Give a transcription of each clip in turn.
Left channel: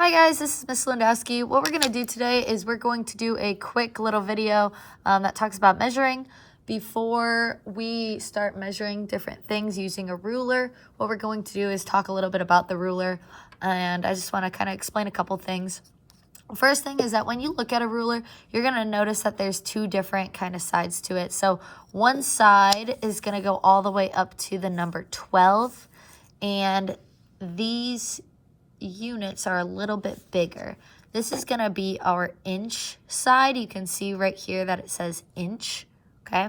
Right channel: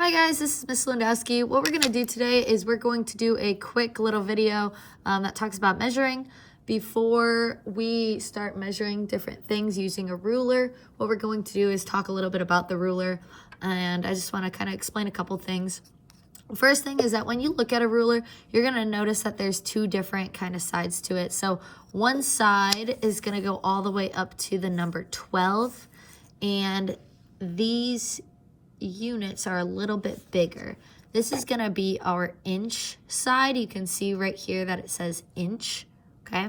Hi guys, this is Miss Lindowski. What we're going to do today is we're going to do a quick little video that talks about measuring. Before we start measuring different things using a ruler, what we're going to do is talk a little bit about the ruler, and I just want to kind of explain a couple things. First thing is that when you look at a ruler, you're going to notice that there's two different kind of sides to it. So one side is going to go all the way up to the number 12, and these units are a little bit bigger. This is going to be our inch side. You can see right here that it says inch, okay?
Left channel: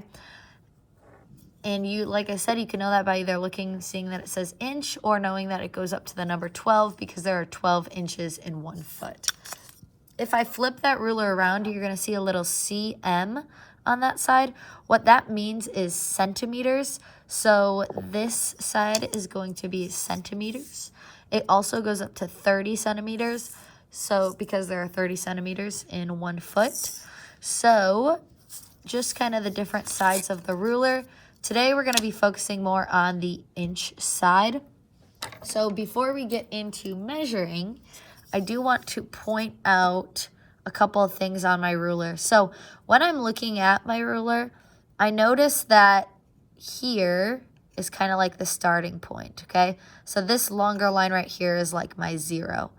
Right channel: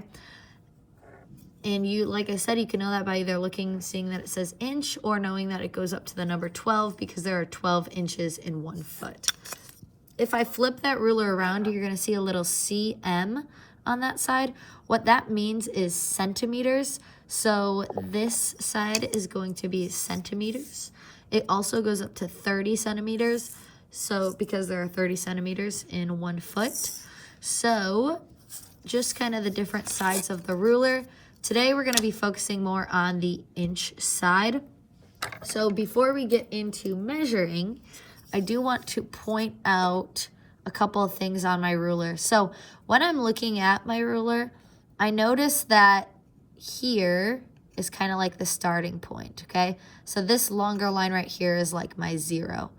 And you, like I said, you can know that by either seeing that it says inch or knowing that it goes up to the number 12 because there are 12 inches in 1 foot. If I flip that ruler around, you're going to see a little cm on that side. What that means is centimeters. So this side is going to be centimeters. It also goes up to 30 centimeters. So because there are 30 centimeters in 1 foot. So just kind of the different sides of the ruler. Today we're going to be focusing more on the inch side. So before we get into measuring, I do want to point out a couple of things on my ruler. So when I'm looking at my ruler, I notice that here is kind of like the starting point, okay? So this longer line right here is like my 0.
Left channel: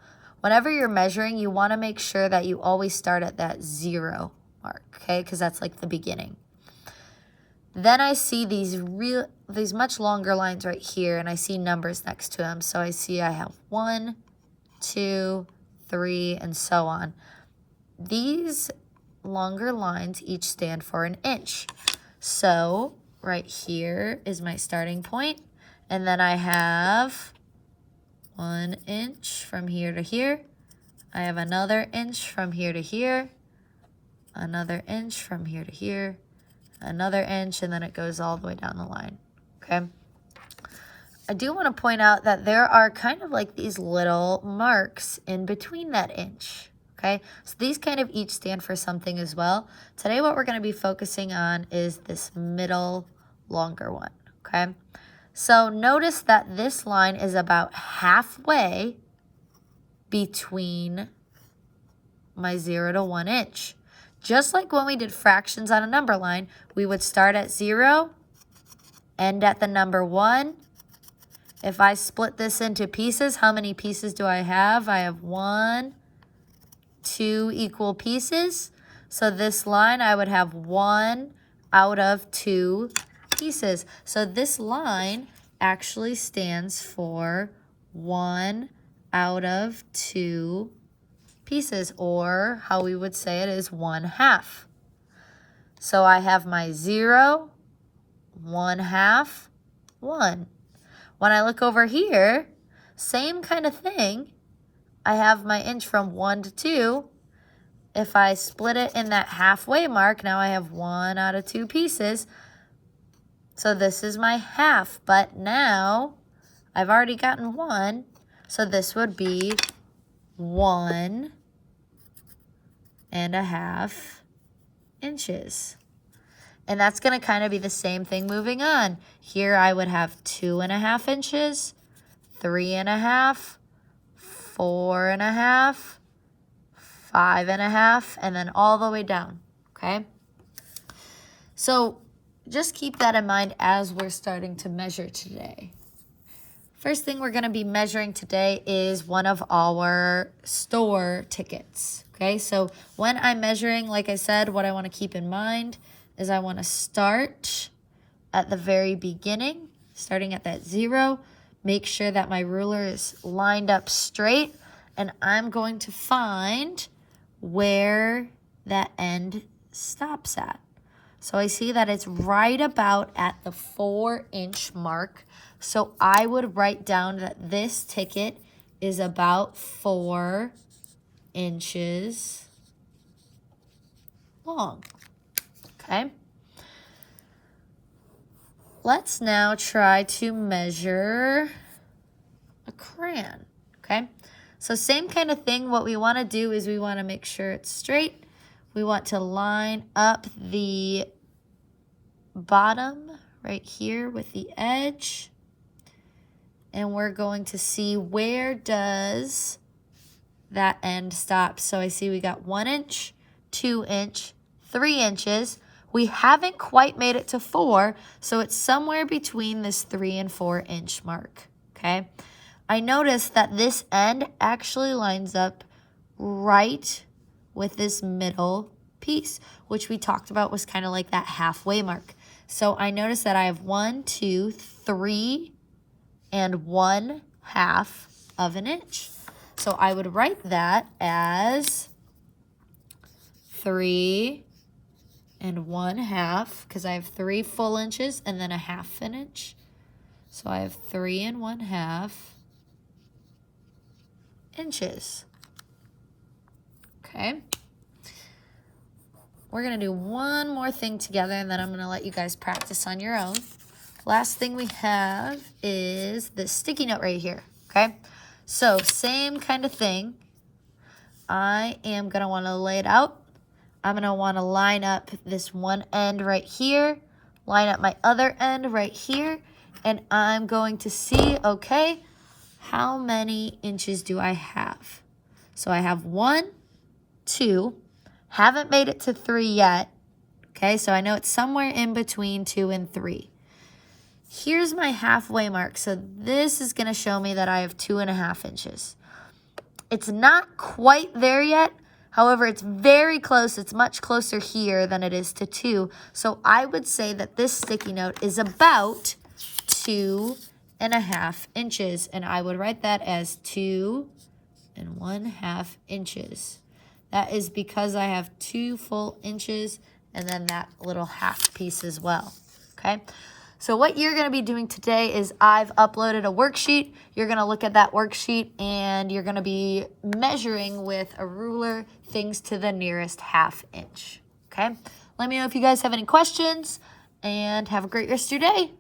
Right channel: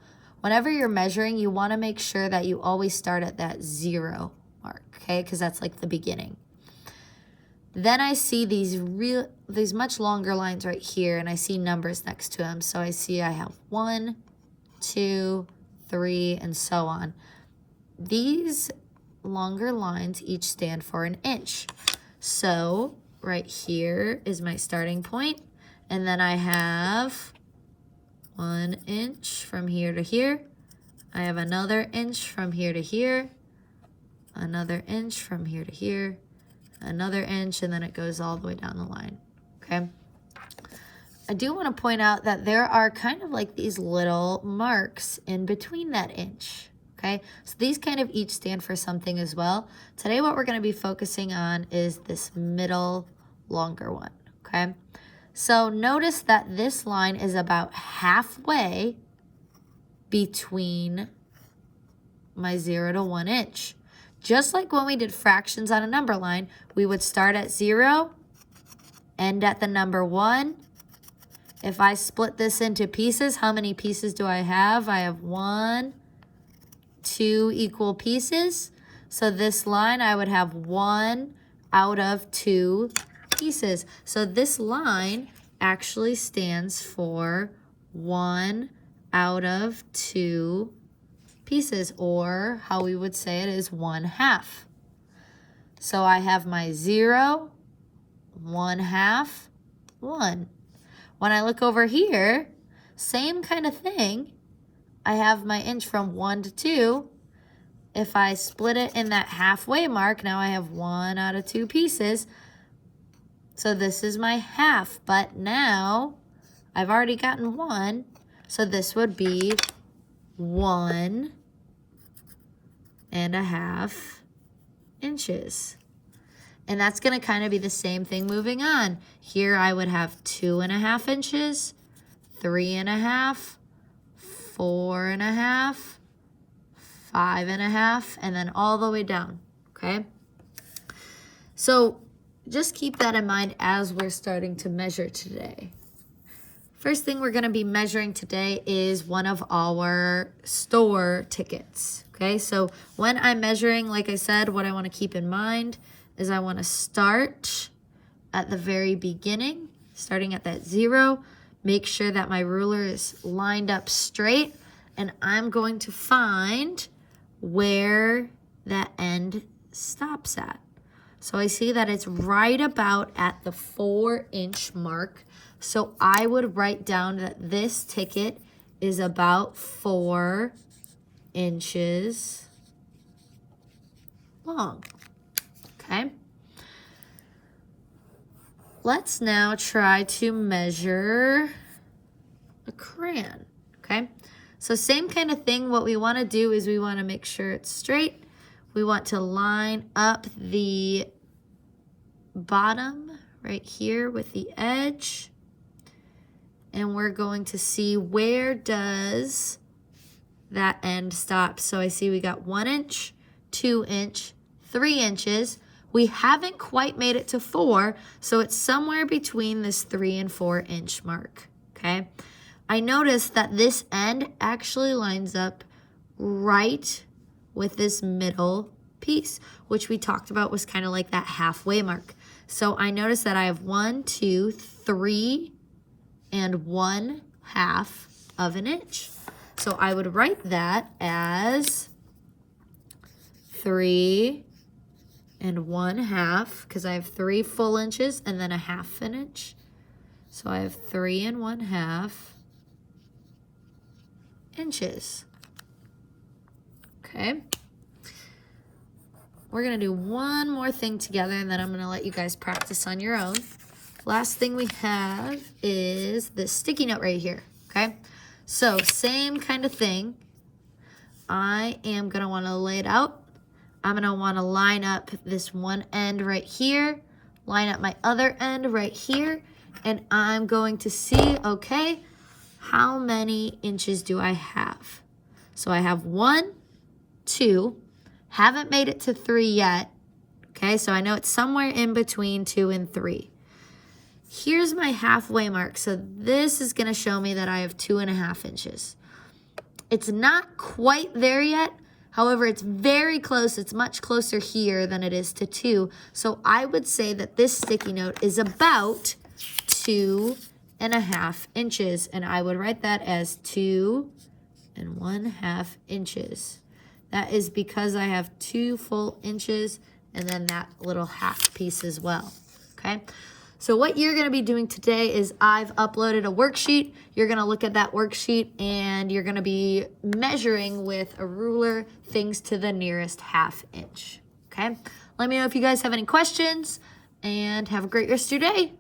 Whenever you're measuring, you want to make sure that you always start at that 0 mark, okay? Because that's like the beginning. Then I see these much longer lines right here, and I see numbers next to them. So I see I have 1, 2, 3, and so on. These longer lines each stand for an inch. So right here is my starting point, and then I have 1 inch from here to here. I have another inch from here to here, another inch from here to here, another inch, and then it goes all the way down the line, okay? I do want to point out that there are kind of like these little marks in between that inch, okay? So these kind of each stand for something as well. Today what we're going to be focusing on is this middle longer one, okay? So notice that this line is about halfway between my 0 to 1 inch. Just like when we did fractions on a number line, we would start at 0, end at the number 1. If I split this into pieces, how many pieces do I have? I have 1, 2 equal pieces. So this line, I would have 1 out of 2 pieces. So this line actually stands for 1 out of 2 pieces, or how we would say it is 1/2. So I have my 0, 1/2, 1. When I look over here, same kind of thing. I have my inch from 1 to 2. If I split it in that halfway mark, now I have 1 out of 2 pieces. So this is my half, but now I've already gotten 1. So this would be 1.5 inches. And that's going to kind of be the same thing moving on. Here I would have 2.5 inches, 3.5, 4.5, 5.5, and then all the way down, okay? So just keep that in mind as we're starting to measure today. First thing we're going to be measuring today is one of our store tickets, okay? So when I'm measuring, like I said, what I want to keep in mind is I want to start at the very beginning, starting at that 0. Make sure that my ruler is lined up straight, and I'm going to find where that end stops at. So I see that it's right about at the 4-inch mark. So I would write down that this ticket is about 4 inches long. Okay. Let's now try to measure a crayon. Okay. So same kind of thing. What we want to do is we want to make sure it's straight. We want to line up the bottom right here with the edge. And we're going to see where does that end stops. So I see we got 1 inch, 2 inch, 3 inches. We haven't quite made it to 4, so it's somewhere between this 3 and 4 inch mark, okay? I noticed that this end actually lines up right with this middle piece, which we talked about was kind of like that halfway mark. So I noticed that I have 1, 2, 3, and 1/2 of an inch. So I would write that as 3 and 1/2, because I have 3 full inches and then 1/2 an inch. So I have 3 and 1/2 inches. Okay. We're going to do one more thing together, and then I'm going to let you guys practice on your own. Last thing we have is this sticky note right here, okay? So same kind of thing. I am going to want to lay it out. I'm going to want to line up this one end right here, line up my other end right here, and I'm going to see, okay, how many inches do I have? So I have 1, 2, haven't made it to 3 yet, okay? So I know it's somewhere in between 2 and 3. Here's my halfway mark. So this is going to show me that I have 2.5 inches. It's not quite there yet. However, it's very close. It's much closer here than it is to 2. So I would say that this sticky note is about 2.5 inches. And I would write that as 2 and 1/2 inches. That is because I have 2 full inches and then that little half piece as well, okay? So what you're going to be doing today is I've uploaded a worksheet. You're going to look at that worksheet and you're going to be measuring with a ruler things to the nearest 1/2 inch, okay? Let me know if you guys have any questions and have a great rest of your day.